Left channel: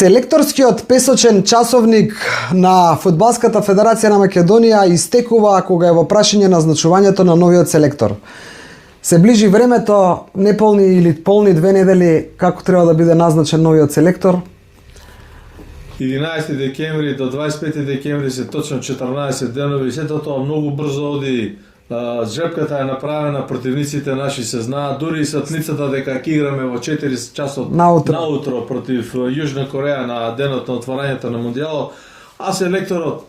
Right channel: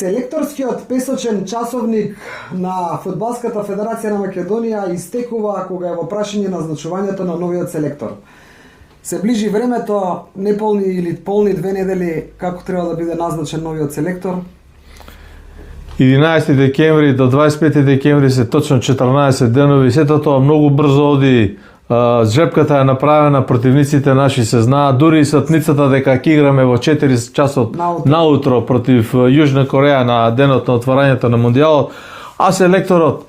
Селекторскиот песочен часовник на Фудбалската федерација на Македонија истекува кога е во прашање назначувањето на новиот селектор. Се ближи времето, неполни или полни 2 недели, како треба да биде назначен новиот селектор? 11 декември до 25 декември се точно 14 денови, сето тоа многу брзо оди. Жепката е направена, противниците наши се знаат, дури и сатницата дека ќе играме во 4 часот наутро против Јужна Кореја на денот на отварањето на Мондијалот, а селекторот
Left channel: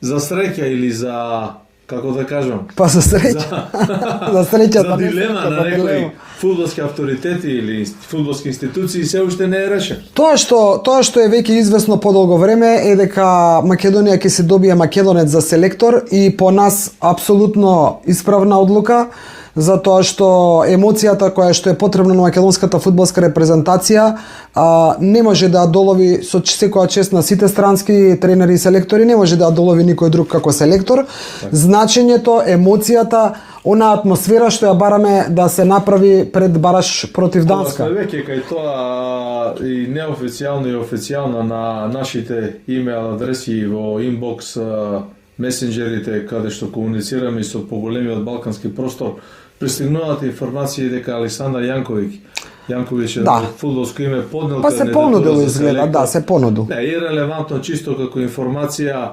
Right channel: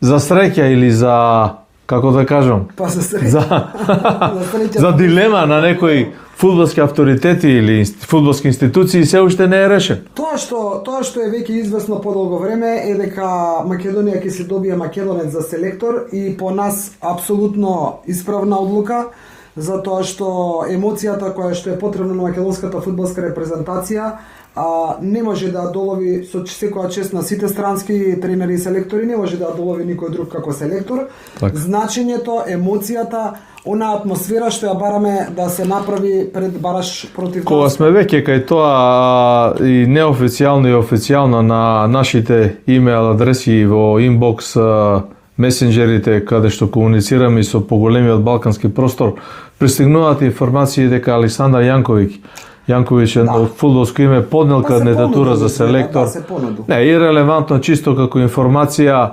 за среќа или за, како да кажам, па за среќа, за дилема на некои фудбалски авторитети или фудбалски институции се уште не е решен. Тоа што е веќе известно подолго време е дека Македонија ќе се добие македонец за селектор и по нас апсолутно исправна одлука, затоа што емоцијата која што е потребна на македонската фудбалска репрезентација не може да долови со секоја чест на сите странски тренери и селектори, не може да долови никој друг како селектор. Так. Значењето, емоцијата, она атмосфера што ја бараме да се направи пред бараш против Данска. Кога сме веќе кај тоа и неофицијално и официјално на нашите имейл адреси во инбокс месенџерите каде што комуницираме и со поголемиот балкански простор, пристигнуваат информации дека Александар Јанковиќ на фудбалско име поднел кандидатура за селектор. Да, се понуду. Не, ирелевантно чисто како информација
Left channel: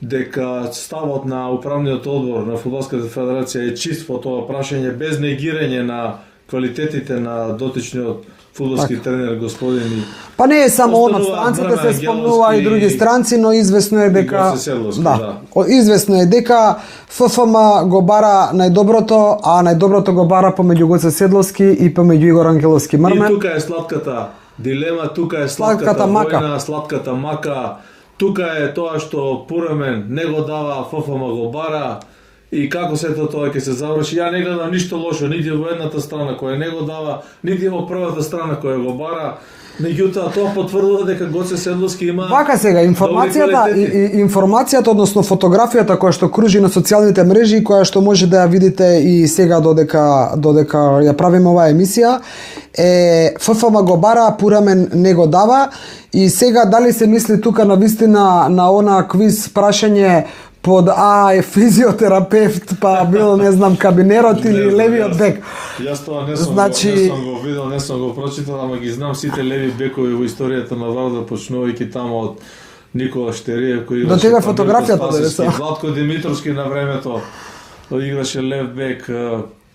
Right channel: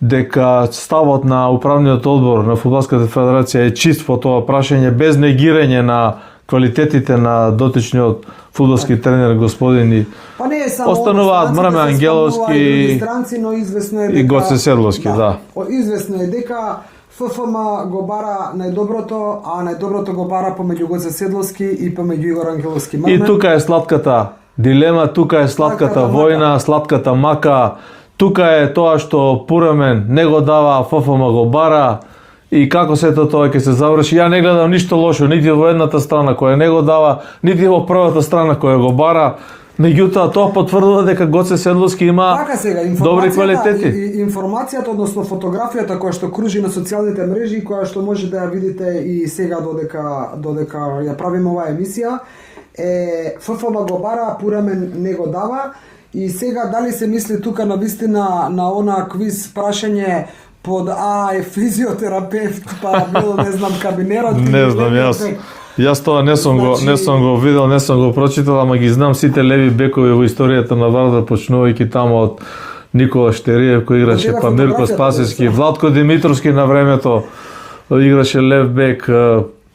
дека ставот на управниот одбор на Фудбалската федерација е чист по тоа прашање, без негирање на квалитетите на дотичниот фудбалски тренер господин. Па не е само странците, се спомнува и други странци, но известно е дека и Гоце Седловски, да. Известно е дека ФФМ го бара најдоброто, а најдоброто го бара помеѓу Гоце Седловски и помеѓу Игор Ангеловски Мрмен. И тука е сладката дилема, тука е сладката војна, сладката мака. Тука е тоа што Пурамен не го дава, ФФМ го бара. И како сето тоа ќе се заврши, ја не гледам ништо лошо, нити во едната страна која не го дава, нити во првата страна која го бара. Меѓутоа, тоа потврдува дека Гоце Седловски има добри квалитети. Информацијата, односно фотографијата која што кружи на социјалните мрежи и која што може да ја видите и сега додека ја правиме оваа емисија, е ФФМ го бара, Пурамен не го дава. И сега дали се мисли тука на вистина на она квиз прашање под е физиотерапевт, па бил не знам кабинерот или левиот бек. Јас тоа не сум го видел, не сум го прочитал, ама ги знам сите леви бекови во историјата на Вардар, почнувајќи тамо од Никола Штериев кој играше Памирко Спасевски, Владко Димитровски на времето играше лев бек.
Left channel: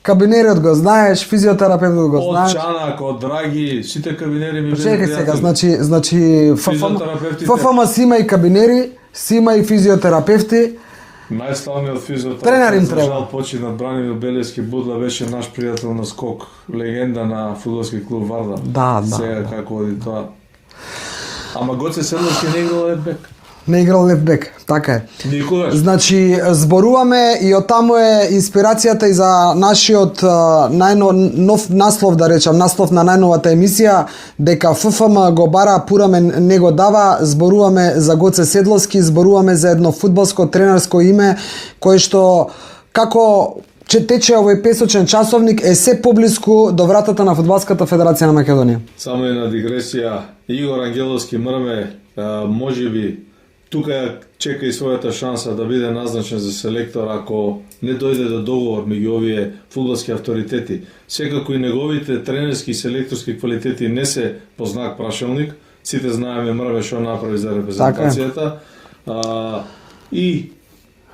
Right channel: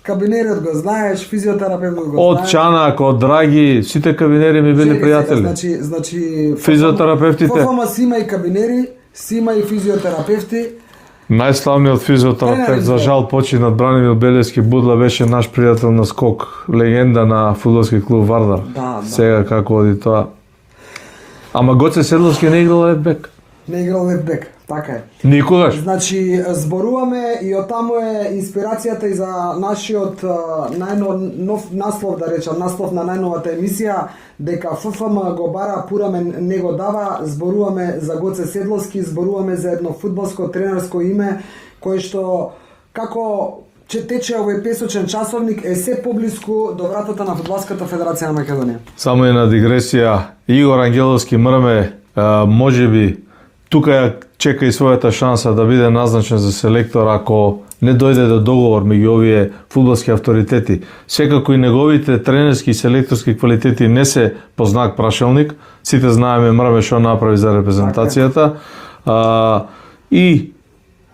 Кабинерот го знаеш, физиотерапевтот го знаеш. Од Чанак, од Драги, сите кабинери ми биле пријатели. Значи физиотерапевтите. ФФМ си има и кабинери, си има и физиотерапевти. Најславниот физиотерапевт за жал починат Бранимир Белевски Будла беше наш пријател на скок, легенда на фудбалски клуб Вардар. Да. Сега како оди тоа. Ама Гоце Седловски не играл лев бек. Не играл лев бек, така е. Никогаш. Значи, зборуваме и од таму е инспирацијата и за нашиот нов наслов, да речам, наслов на најновата емисија, дека ФФМ го бара, Пурамен не го дава. Зборуваме за Гоце Седловски, зборуваме за едно фудбалско тренерско име кој што како тече овој песочен часовник е се поблиску до вратата на Фудбалската федерација на Македонија. Само една дигресија, Игор Ангеловски Мрме можеби тука ја чека и својата шанса да биде назначен за селектор ако не дојде до договор меѓу овие фудбалски авторитети. Секако и неговите тренерски и селекторски квалитети не се по знак прашалник. Сите знаеме Мрме што направи за репрезентацијата. И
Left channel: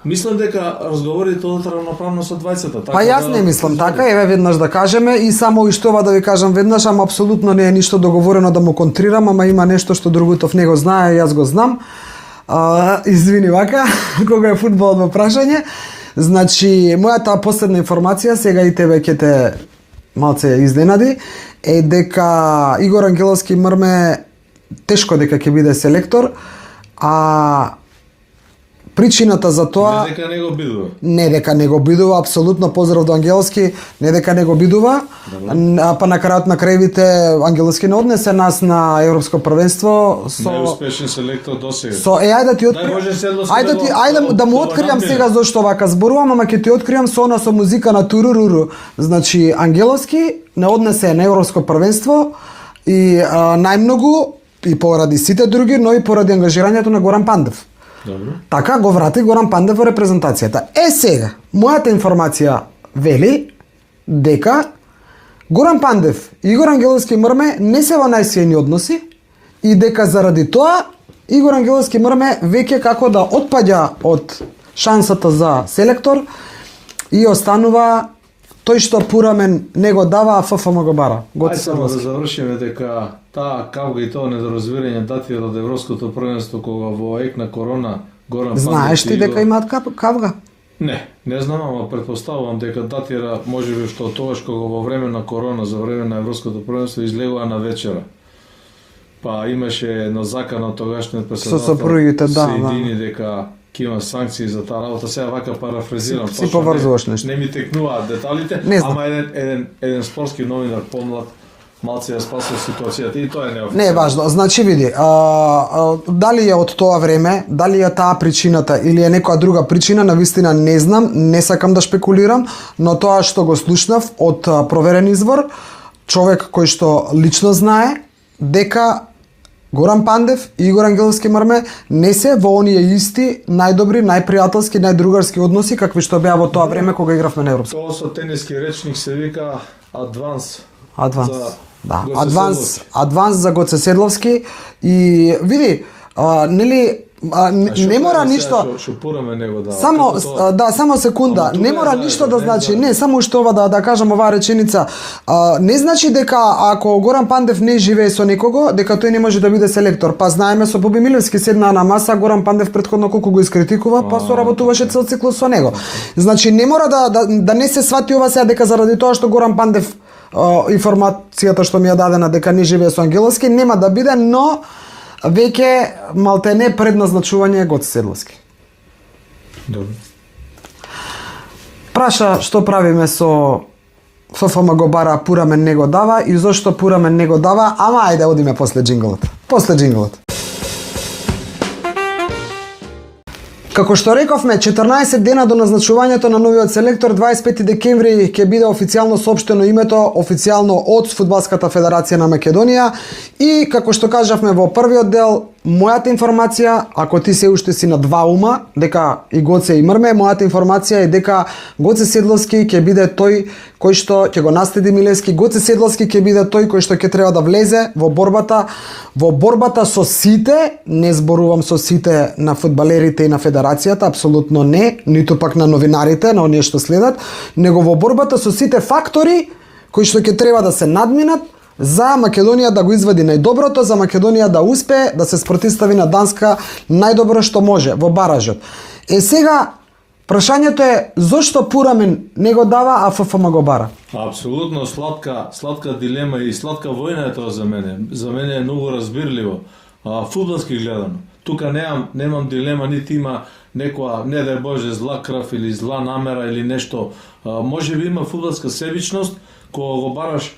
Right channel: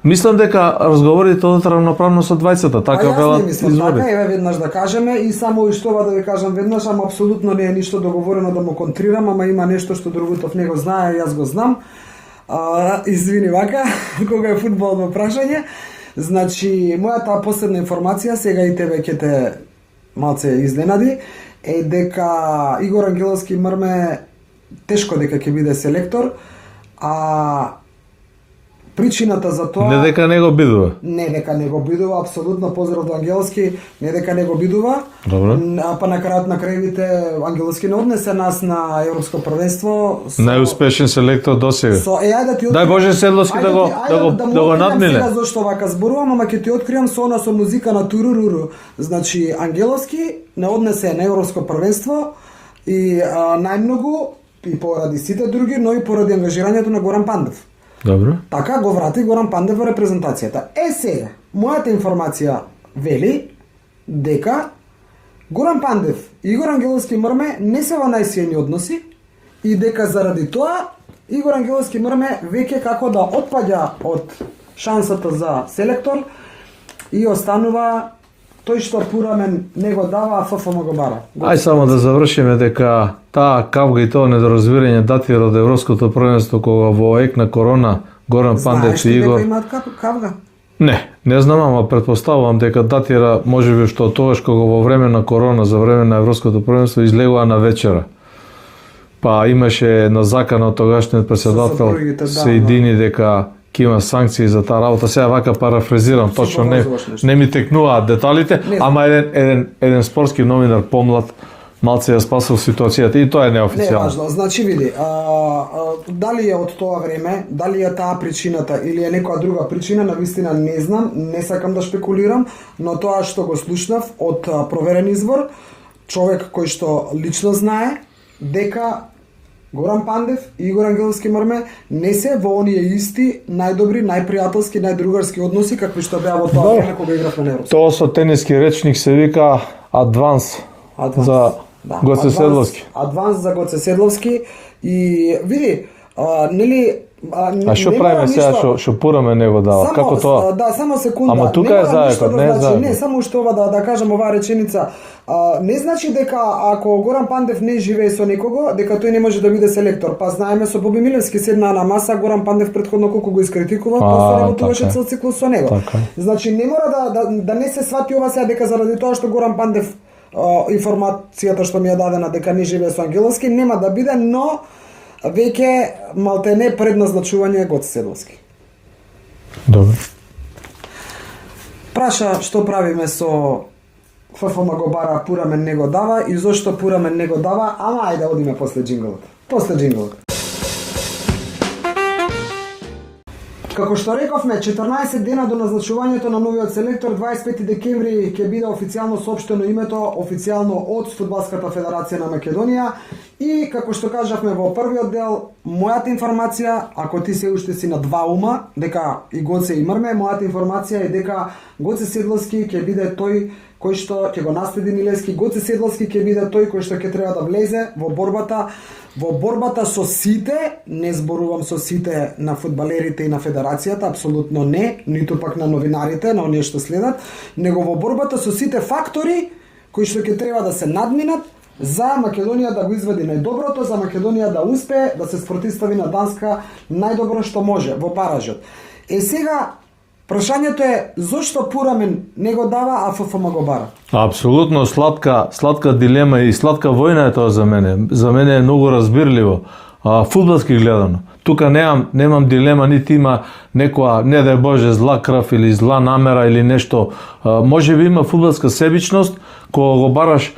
мислам дека разговорите одат равноправно со двајцата. Така јас не мислам така, еве веднаш да кажеме и само уште ова да ви кажам веднаш, ама апсолутно не е ништо договорено да му контрирам, ама има нешто што Другутов не го знае, јас го знам. Извини вака, кога е фудбално прашање. Значи, мојата последна информација, сега и тебе ќе те малце изненади, е дека Игор Ангеловски Мрме тешко дека ќе биде селектор, а причината за тоа... Не дека не го бидува. Не дека не го бидува, апсолутно поздрав до Ангеловски, не дека не го бидува. А па на крајот на крајвите Ангеловски не однесе нас на европско првенство. Најуспешен селектор досега. Ајде да ти Дај Боже Седловски да му откриам сега зошто вака зборувам, ама ќе ти откриам со она со музика на туруруру. Значи Ангеловски не однесе на европско првенство и најмногу и поради сите други, но и поради ангажирањето на Горан Пандев. Добро. Така го врати Горан Пандев во репрезентацијата. Сега, мојата информација вели дека Горан Пандев и Игор Ангеловски Мрме не се во најсејни односи и дека заради тоа Игор Ангеловски Мрме веќе како да отпаѓа од шансата за селектор и останува тој што Пурамен не го дава, а ФФМ го бара. Ај само да завршиме дека таа кавга и тоа недоразбирање датира од Европското првенство кога во ек на корона Горан Пандев Знаеш ти и Игор... дека имаат кавга? Не знам, ама претпоставувам дека датира можеби што тогаш кога во време на корона, за време на Европското првенство излегува на вечера. Па имаше на закана од тогашниот председател се едини дека ќе има санкции за таа работа. Сега вака парафразирам, точно не ми текнуваат деталите, ама еден спортски новинар помлад малце ја спасил ситуацијата и тоа е неофицијално. Не е важно. Значи види, дали е од тоа време, дали е таа причината или е некоја друга причина, навистина не знам, не сакам да шпекулирам, но тоа што го слушнав од проверен извор, човек кој што лично знае дека Горан Пандев и Игор Ангеловски Мрме не се во оние исти најдобри, најпријателски, најдругарски односи какви што беа во тоа време кога игравме на Европска. Тоа со тениски речник се вика адванс. За Гоце Седловски. Адванс за Гоце Седловски и види, нели не мора ништо што Пураме него дава. Само само секунда, не мора ништо да значи. Не, само што ова да кажам оваа реченица, не значи дека ако Горан Пандев не живее со некого, дека тој не може да биде селектор. Па знаеме со Боби Милевски седнаа на маса, Горан Пандев претходно колку го искритикува, па соработуваше цел циклус со него. Значи не мора да не се свати ова сега дека заради тоа што Горан Пандев информацијата што ми ја дадена дека не живее со Ангеловски нема да биде, но веќе малтене предназначување е Гоце Седловски. Добро. Праша што правиме со ФФМ го бара, Пурамен не го дава и зошто Пурамен не го дава, ама ајде одиме после джинглот. После джинглот. Како што рековме, 14 дена до назначувањето на новиот селектор, 25 декември ќе биде официјално соопштено името официјално од Фудбалската федерација на Македонија и како што кажавме во првиот дел, мојата информација, ако ти се уште си на два ума, дека и Гоце и Мрме, мојата информација е дека Гоце Седловски ќе биде тој кој што ќе го наследи Милевски. Гоце Седловски ќе биде тој кој што ќе треба да влезе во борбата со сите, не зборувам со сите на фудбалерите и на федерацијата, апсолутно не, ниту пак на новинарите, на оние што следат, него во борбата со сите фактори кои што ќе треба да се надминат за Македонија да го извади најдоброто, за Македонија да успее да се спротивстави на Данска најдобро што може во баражот. Сега прашањето е зошто Пурамен не го дава, а ФФМ го бара? Апсолутно сладка дилема и сладка војна е тоа за мене. За мене е многу разбирливо. Фудбалски гледано. Тука немам дилема, нити има некоја, не дај Боже, зла крв или зла намера или нешто. Може би има фудбалска себичност, кога го бараш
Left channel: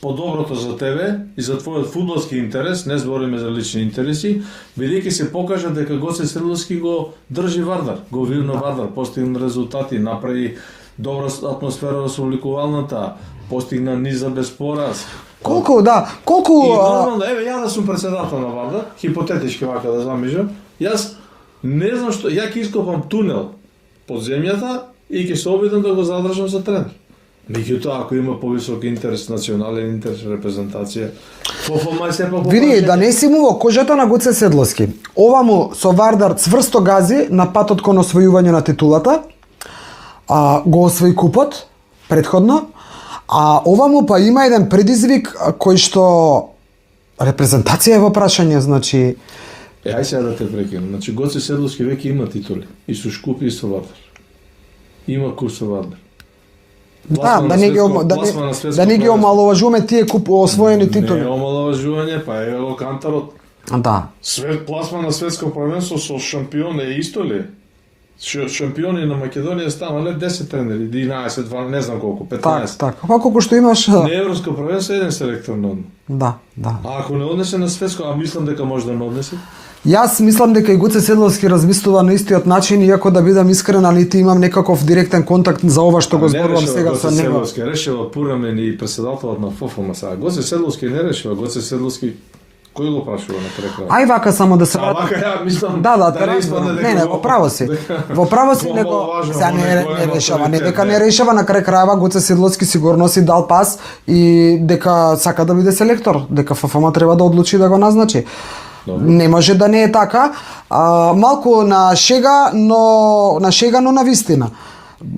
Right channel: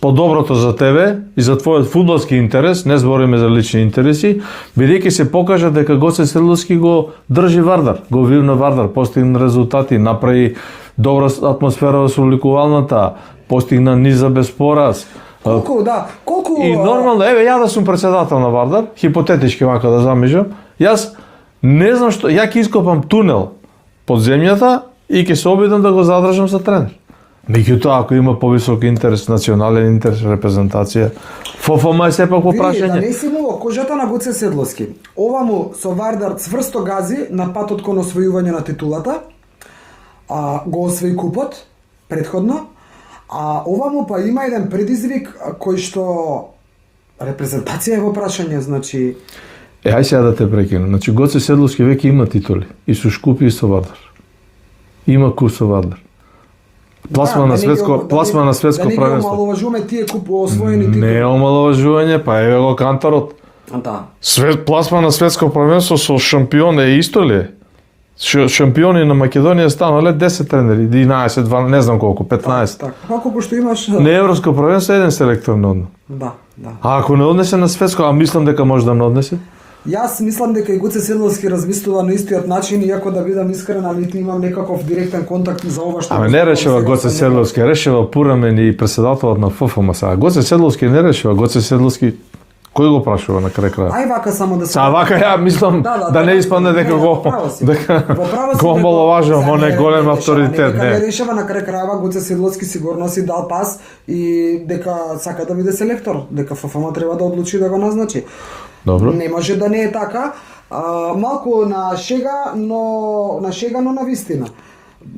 по-доброто за тебе и за твојот фудбалски интерес, не збориме за лични интереси, бидејќи се покажа дека Гоце Седловски го држи Вардар, го вивна Вардар, постигна резултати, направи добра атмосфера во собликувалната, постигна низа без пораз. Колку И нормално, ја да сум председател на Вардар, хипотетички вака да замижам, јас не знам што, ја ќе ископам тунел под земјата и ќе се обидам да го задржам за тренер. Меѓутоа, ако има повисок интерес, национален интерес, репрезентација, ФФМ е сепак по прашање. Види, да не си му во кожата на Гоце Седловски. Ова му со Вардар цврсто гази на патот кон освојување на титулата, го освои купот претходно, а ова му па има еден предизвик кој што репрезентација е во прашање, значи... Ај сега да те прекинам. Значи, Гоце Седловски веќе има титули. И со Шкупи и со Вардар. Има куп со Вардар. Пласма на светско да не ги омаловажуваме тие освоени титули. Не е омаловажување, па еве го Канторот. Да. Пласма на светско првенство со шампион е исто ли? Шампиони на Македонија станале 10 тренери, 11, 12, не знам колку, 15. Така. Колку што имаш? Не европско првенство еден селектор не одне. Да. А ако не однесе на светско, а мислам дека може да не однесе? Јас мислам дека и Гоце Седловски размислува на истиот начин, иако да бидам искрен, али ти имам некаков директен контакт за ова што го зборувам сега. Не решава Гоце Седловски, решава Пурамен и председателот на ФФМ сега. Гоце Седловски не решава, Гоце Седловски Кој го прашува на крај крај? Ај вака само да се вака ја мислам да не испадне дека го во право си. Во право си го омаловажувам, он е голем авторитет. Дека не решава на крај крајава, Гоце Седловски сигурно си дал пас и дека сака да биде селектор, дека ФФМ треба да одлучи да го назначи. Добро. Не може да не е така. Малку на шега, но на вистина.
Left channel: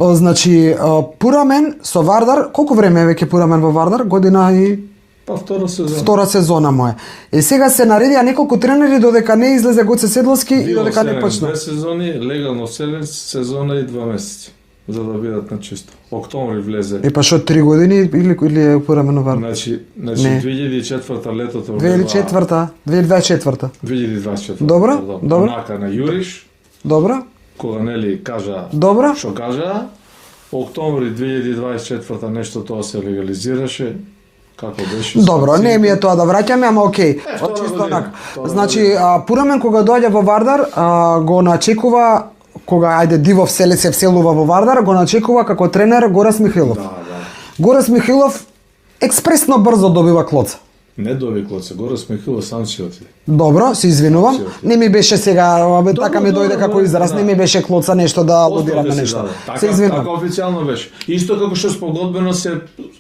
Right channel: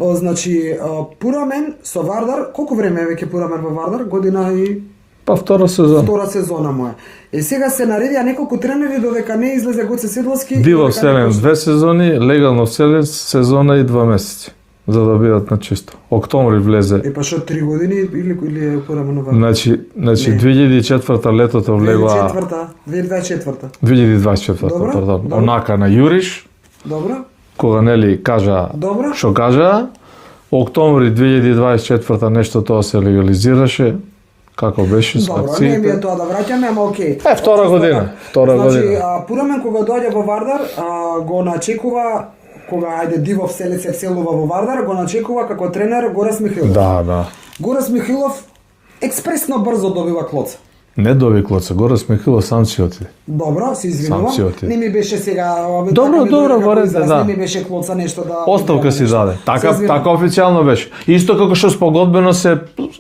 Значи, Пурамен со Вардар, колку време е веќе Пурамен во Вардар? Година и Па втора сезона му е. Сега се наредија неколку тренери додека не излезе Гоце Седловски и Било додека не вселен почна. 2 сезони, легално вселен сезона и 2 месеци, за да бидат на чисто. Октомври влезе. Па што 3 години или е Пурамен во Вардар? Значи 2004 летото влегла 2024. 2024. Добро. Онака на Јуриш, Добро. кога нели кажа Добро. што кажа, октомври 2024 нешто тоа се легализираше. Како беше? Добро, не ми е тоа да враќаме, ама окей. Втора година. Значи, Пурамен кога доаѓа во Вардар, го начекува кога Дивов се вселува во Вардар, го начекува како тренер Горас Михилов. Да. Горас Михилов експресно брзо добива клоца. Не доби клоца, Горас Михилов сам си отиде. Добро, се извинувам. Не ми беше сега, така ми дојде како израз, не ми беше клоца нешто да оставка си даде. Така официјално беше. Исто како што спогодбено се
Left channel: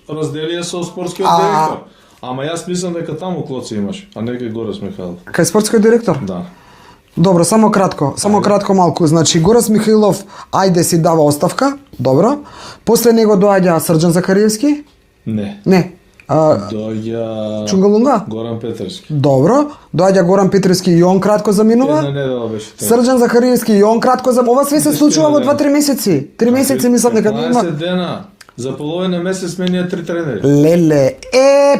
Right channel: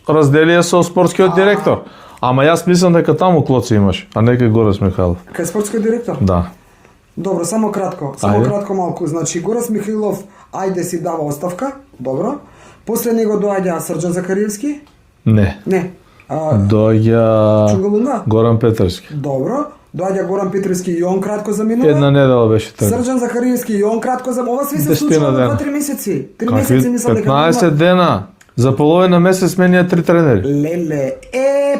разделија со спортскиот директор. Ама јас мислам дека таму клоца имаш, а не кај Горас Михайлов. Кај спортскиот директор? Да. Добро, само кратко малку. Значи Горас Михайлов си дава оставка, добро. После него доаѓа Срđan Захариевски? Не. Доаѓа Чунгалунга? Горан Петровски. Добро. Доаѓа Горан Петровски и он кратко заминува. Една недела беше така. Срđan Захариевски и он кратко ова све се случува во 2-3 месеци. 3 месеци мислам дека 15 дена. За половина месец менија 3 тренери. Леле,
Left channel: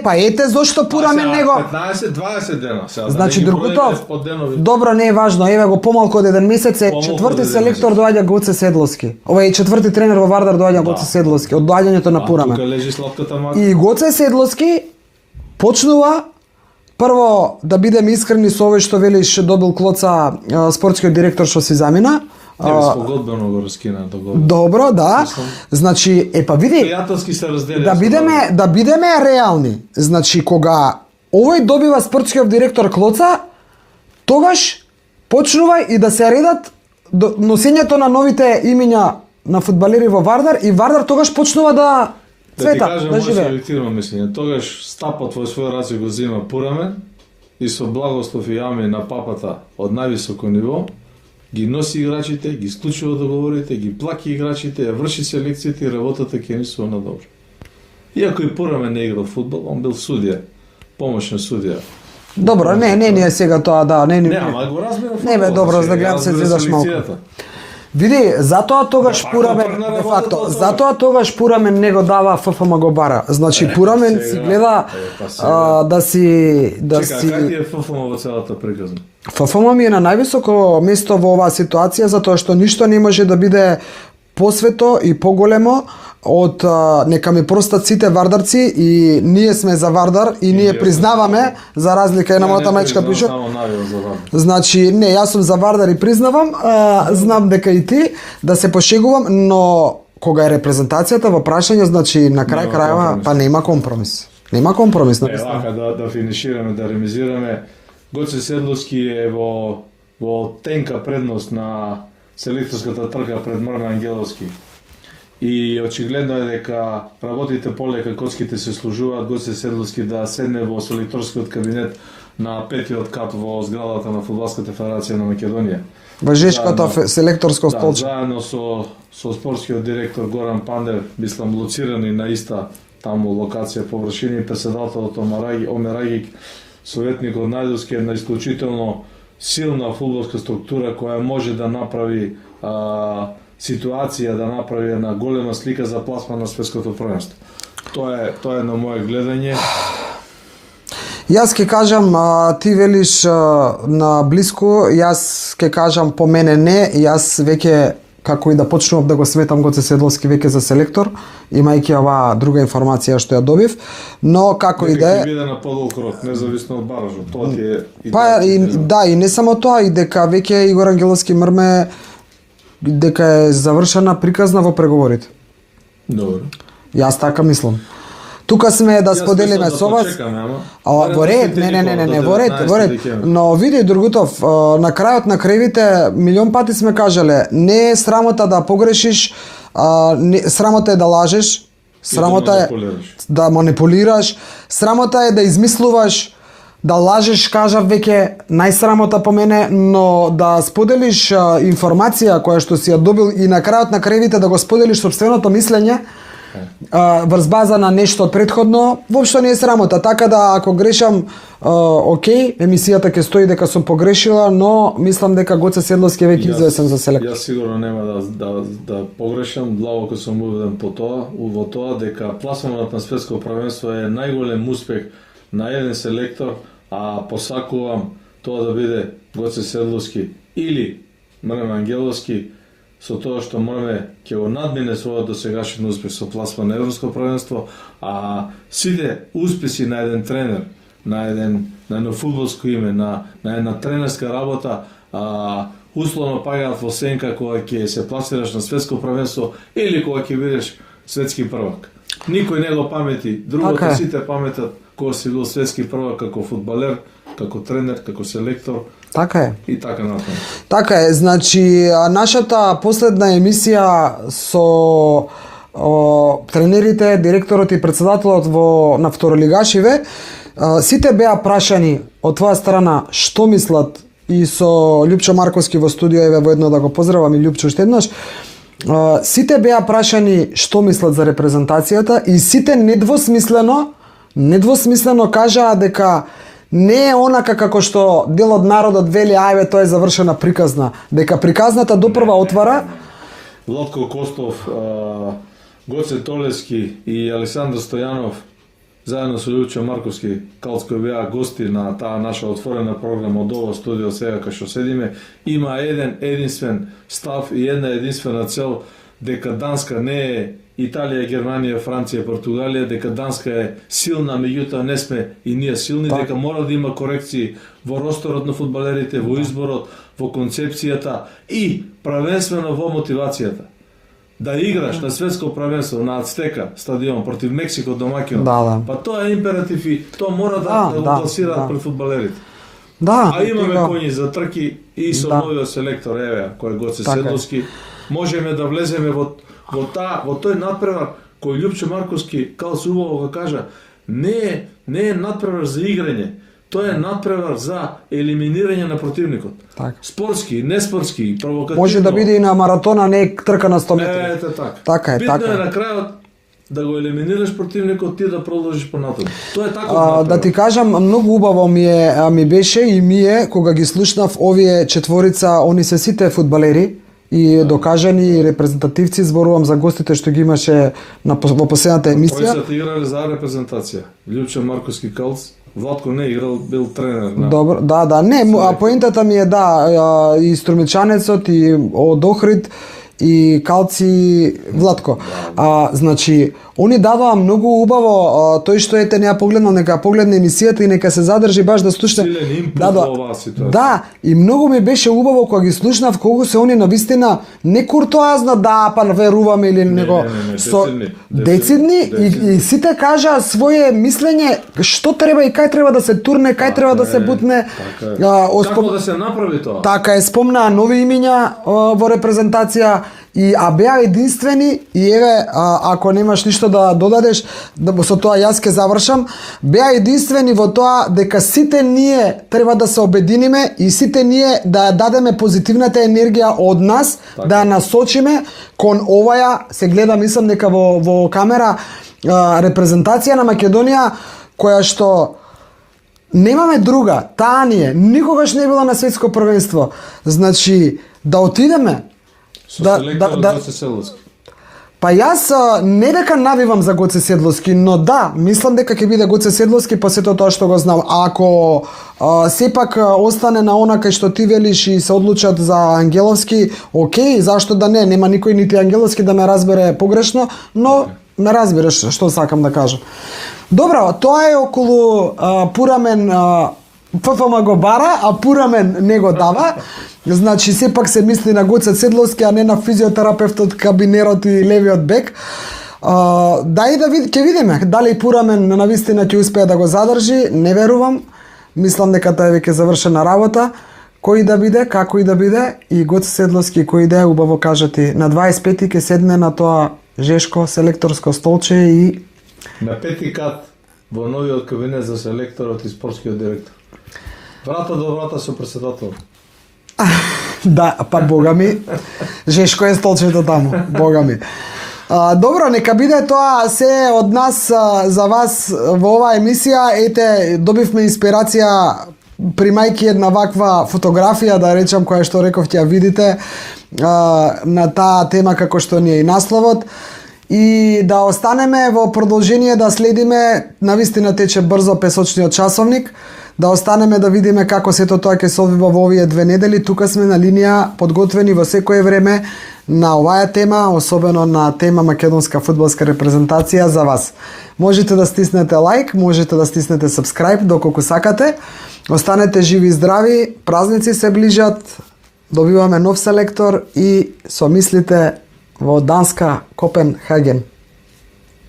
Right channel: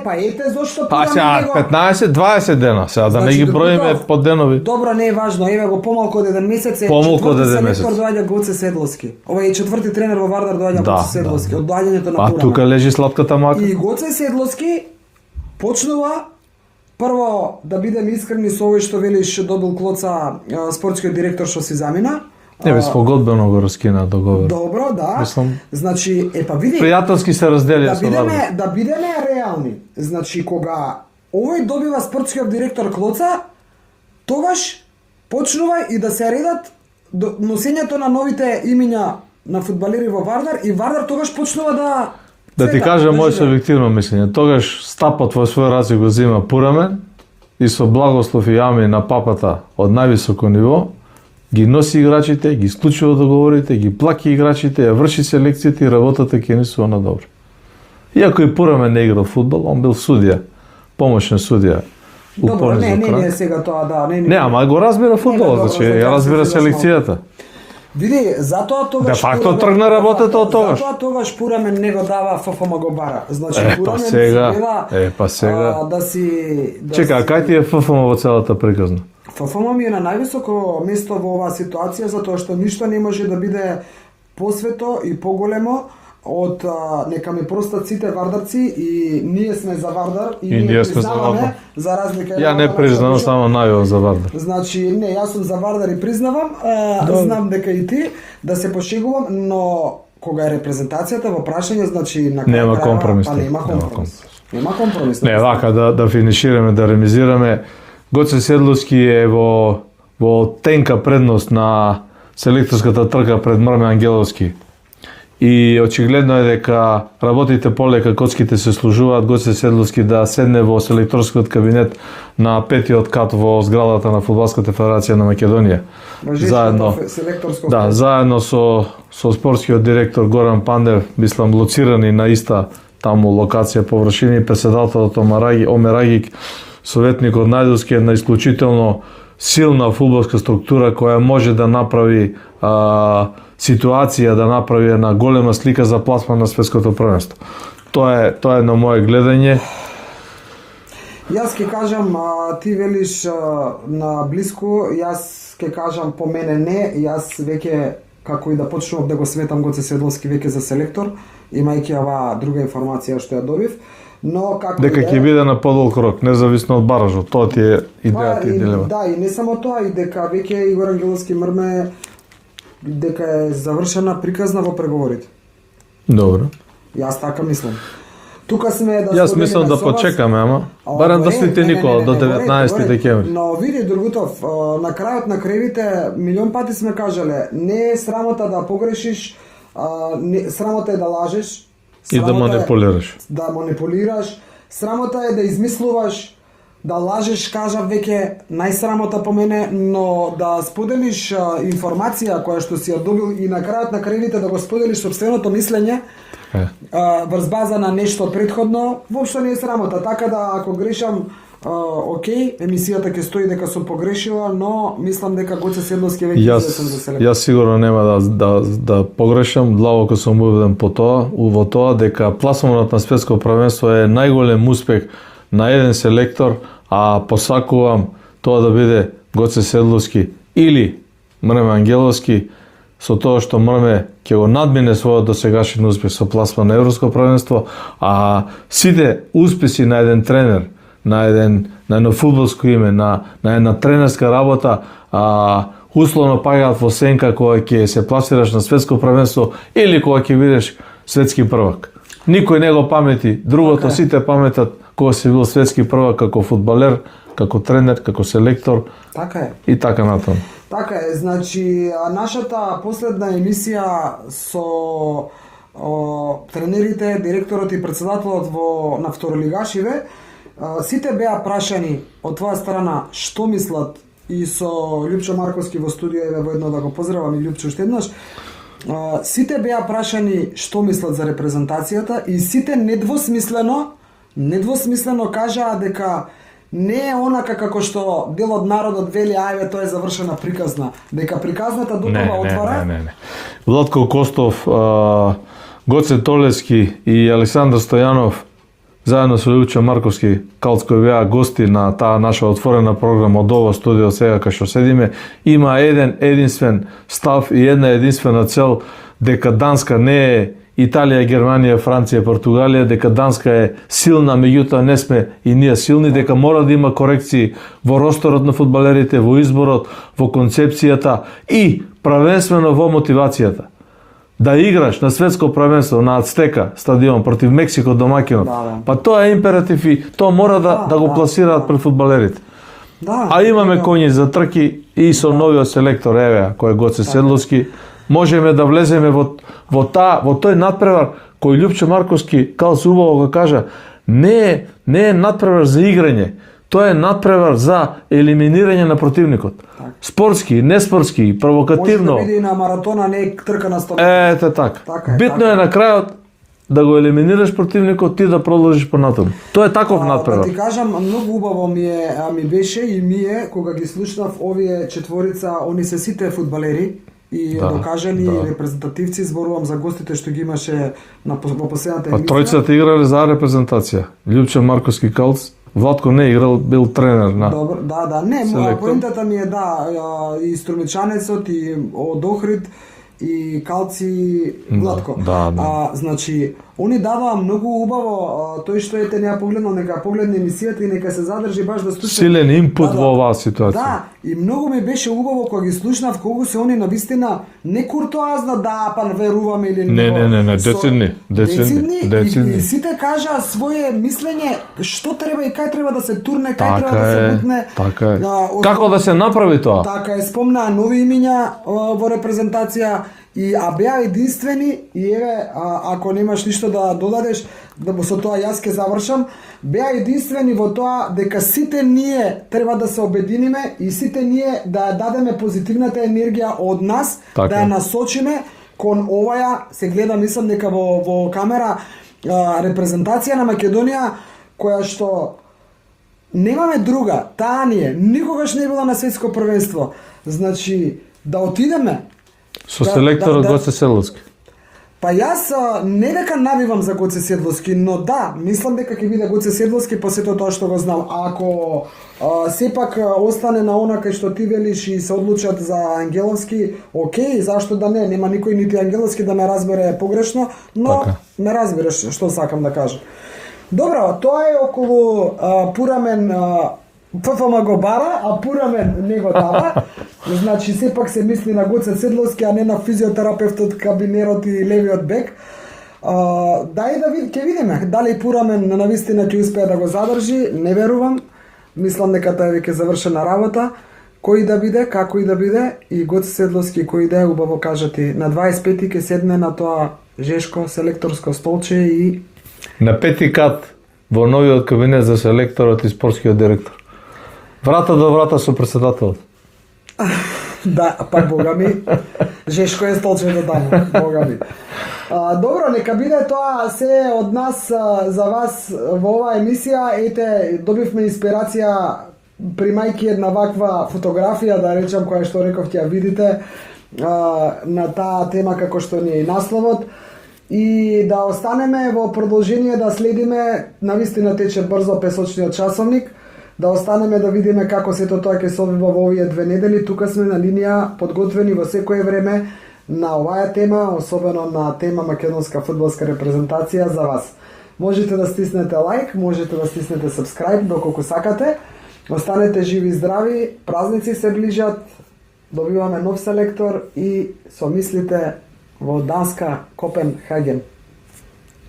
па ете зошто Пурамен него. 15-20 дена, сега да не ги броиме по денови. Добро, не е важно, еве го помалку од еден месец е четврти селектор доаѓа Гоце Седловски. Ова е четврти тренер во Вардар доаѓа Гоце Седловски од доаѓањето на Пурамен. Тука лежи сладката мака. И Гоце Седловски почнува прво да бидеме искрени со овој што велиш добил клоца спортскиот директор што си замина. Не без погодбено го раскина договор. Добро, да. Значи, па види. Пријателски се разделија. Да бидеме реални. Значи, кога овој добива спортскиот директор клоца, тогаш почнува и да се редат носењето на новите имиња на фудбалери во Вардар и Вардар тогаш почнува да Да ти кажам моје субјективно мислење. Тогаш стапот во свој раце го зема Пурамен и со благослов и ами на папата од највисоко ниво ги носи играчите, ги склучува договорите, ги плаќа играчите, ја врши селекцијата и работата ќе несува на добро. Иако и Пурамен не играл фудбал, он бил судија, помошен судија. Добро, не сега тоа, да, не. Ама го разбира фудбал, значи, разбира селекцијата. Види, затоа тогаш Пурамен не го дава ФФМ го бара. Значи Пурамен си гледа да си Чека, кај ти е ФФМ во целата приказна? ФФМ ми е на највисоко место во оваа ситуација затоа што ништо не може да биде посвето и поголемо од нека ми простат сите вардарци и ние сме за Вардар и ние признаваме за разлика една математичка пишу. Само најава за Вардар. Значи, не, јас сум за Вардар и признавам, знам дека и ти да се пошегувам, но кога е репрезентацијата во прашање, значи на крај крајава па нема компромис. Нема компромис. Не, вака да финишираме, да ремизираме. Гоце Седловски е во тенка предност на селекторската трка пред Мрме Ангеловски. И очигледно е дека работите полека, коцките се служуваат, Гоце Седловски да седне во селекторскиот кабинет на 5-тиот кат во зградата на Фудбалската федерација на Македонија. Во Жешкото селекторско столче. Да, заедно со спортскиот директор Горан Пандев, мислам лоцирани на иста таму локација површина и преседателот Омер Агик, советникот Најдовски, една исклучително силна фудбалска структура која може да направи ситуација, да направи една голема слика за пласман на светското првенство. Тоа е на моје гледање. Јас ќе кажам, ти велиш на блиску, јас ќе кажам по мене не, јас веќе како и да почнувам да го сметам Гоце Седловски веќе за селектор, имајќи оваа друга информација што ја добив, но како и да е... Дека ќе биде на подолг рок, независно од баражот, тоа ти е идејата. Да, и не само тоа, и дека веќе Игор Ангеловски Мрме дека е завршена приказна во преговорите. Добро. Јас така мислам. Тука сме да споделиме Јас мислам со да вас. почекаме, ама. Во Барем до ред, Свети Никола, до 19 декември. Но види Другутов, на крајот на кревите милион пати сме кажале, не е срамота да погрешиш, срамота е да лажеш, срамота е да манипулираш, срамота е да измислуваш, да лажеш, кажав веќе, најсрамота по мене, но да споделиш информација која што си ја добил и на крајот на кревите да го споделиш сопственото мислење, врз база на нешто предходно, воопшто не е срамота. Така да ако грешам, окей, емисијата ќе стои дека сум погрешила, но мислам дека Гоце Седловски е веќе известен за селектор. Јас сигурно нема да погрешам, длабоко сум убеден во тоа дека пласманот на светско првенство е најголем успех на еден селектор, а посакувам тоа да биде Гоце Седловски или Мрме Ангеловски, со тоа што Мрме ќе го надмине својот досегашен успех со пласман на Европско првенство, а сите успеси на еден тренер, на едно фудбалско име, на една тренерска работа, условно паѓаат во сенка кога ќе се пласираш на светско првенство или кога ќе бидеш светски првак. Никој не го памети, другото сите паметат кога си бил светски првак како фудбалер, како тренер, како селектор. Така е. И така натаму. Така е, значи нашата последна емисија со тренерите, директорот и председателот на второлигашиве, сите беа прашани од твоја страна што мислат, и со Љупчо Марковски во студио, еве воедно да го поздравам и Љупчо уште еднаш. Сите беа прашани што мислат за репрезентацијата и сите недвосмислено кажаа дека не е онака како што дел од народот вели, ајде тоа е завршена приказна, дека приказната допрва отвара. Не. Владко Костов, Гоце Толески и Александар Стојанов заедно со Љупчо Марковски кои беа гости на таа наша отворена програма од ово студио сега кај што седиме, има единствен став и една единствена цел, дека Данска не е Италија, Германија, Франција, Португалија, дека Данска е силна, меѓутоа не сме и ние силни, дека мора да има корекции во росторот на фудбалерите, во изборот, во концепцијата и правенствено во мотивацијата. Да играш на светско првенство на Ацтека стадион против Мексико домаќинот. Па тоа е императив и тоа мора да го пласираат пред фудбалерите. А имаме коњи за трки и со новиот селектор, еве, кој е Гоце Седловски, можеме да влеземе во тој надпревар кој Љупчо Марковски убаво го кажа, не е надпревар за играње, тоа е надпревар за елиминирање на противникот. Спортски, неспортски, провокативно. Може да биде и на маратона, не е трка на 100 метри. Ете така. Битно е на крајот да го елиминираш противникот, ти да продолжиш понатаму. Тоа е таков надпревар. Да ти кажам, многу убаво ми беше и кога ги слушнав овие четворица, они се сите фудбалери и докажани репрезентативци, зборувам за гостите што ги имаше во последната емисија. Тројцата играле за репрезентација. Љупчо Марковски Калц, Владко не играл, бил тренер на. Добро, не, поентата ми е и Струмичанецот и од Охрид и Калци Владко. Значи, они даваа многу убаво, тој што ете не ја погледнал, нека погледне емисијата и нека се задржи баш да слуша. Силен импут во оваа ситуација. Да, и многу ми беше убаво кога ги слушнав колку се они навистина не куртоазно па веруваме или него. Децидни и сите кажаа свое мислење што треба и кај треба да се турне, кај треба да се бутне. Како да се направи тоа? Така е, спомнаа нови имиња во репрезентација и беа единствени и еве ако немаш ништо да додадеш, со тоа јас ќе завршам, беа единствени во тоа дека сите ние треба да се обединиме и сите ние да ја дадеме позитивната енергија од нас, да ја насочиме кон оваја, се гледа мислам дека во камера, репрезентација на Македонија која што немаме друга, таа ни е, никогаш не била на светско првенство. Значи, да отидеме со селекторот Гоце Седловски. Па јас не дека навивам за Гоце Седловски, но мислам дека ќе биде Гоце Седловски по сето тоа што го знам. Ако сепак остане на она кај што ти велиш и се одлучат за Ангеловски, окей, зашто да не, нема никој нити Ангеловски да ме разбере погрешно, но ме разбираш што сакам да кажам. Добро, тоа е околу Пурамен ФФМ го бара, а Пурамен не го дава. Значи, сепак се мисли на Гоце Седловски, а не на физиотерапевтот, кабинерот и левиот бек. Дај да ќе видиме дали Пурамен навистина ќе успее да го задржи, не верувам. Мислам дека тоа е веќе завршена работа. Кој да биде, како и да биде, и Гоце Седловски кој да е, убаво кажати, на 25 ќе седне на тоа жешко селекторско столче и на 5 кат во новиот кабинет за селекторот и спортскиот директор. Врата до врата со председател. Да, а пак бога ми, жешко е столчето таму, бога ми. Добро, нека биде тоа се од нас за вас во оваа емисија. Ете, добивме инспирација примајки една ваква фотографија, да речам, која што рековте ја видите, на таа тема како што ни е и насловот. И да останеме во продолжение да следиме, навистина тече брзо песочниот часовник, да останеме да видиме како сето тоа ќе се одвива во овие 2 недели. Тука сме на линија, подготвени во секое време на оваа тема, особено на тема македонска фудбалска репрезентација за вас. Можете да стиснете лайк, можете да стиснете subscribe доколку сакате. Останете живи и здрави, празници се ближат, добиваме нов селектор и со мислите во Данска, Копенхаген.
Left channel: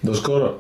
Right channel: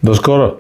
До скоро!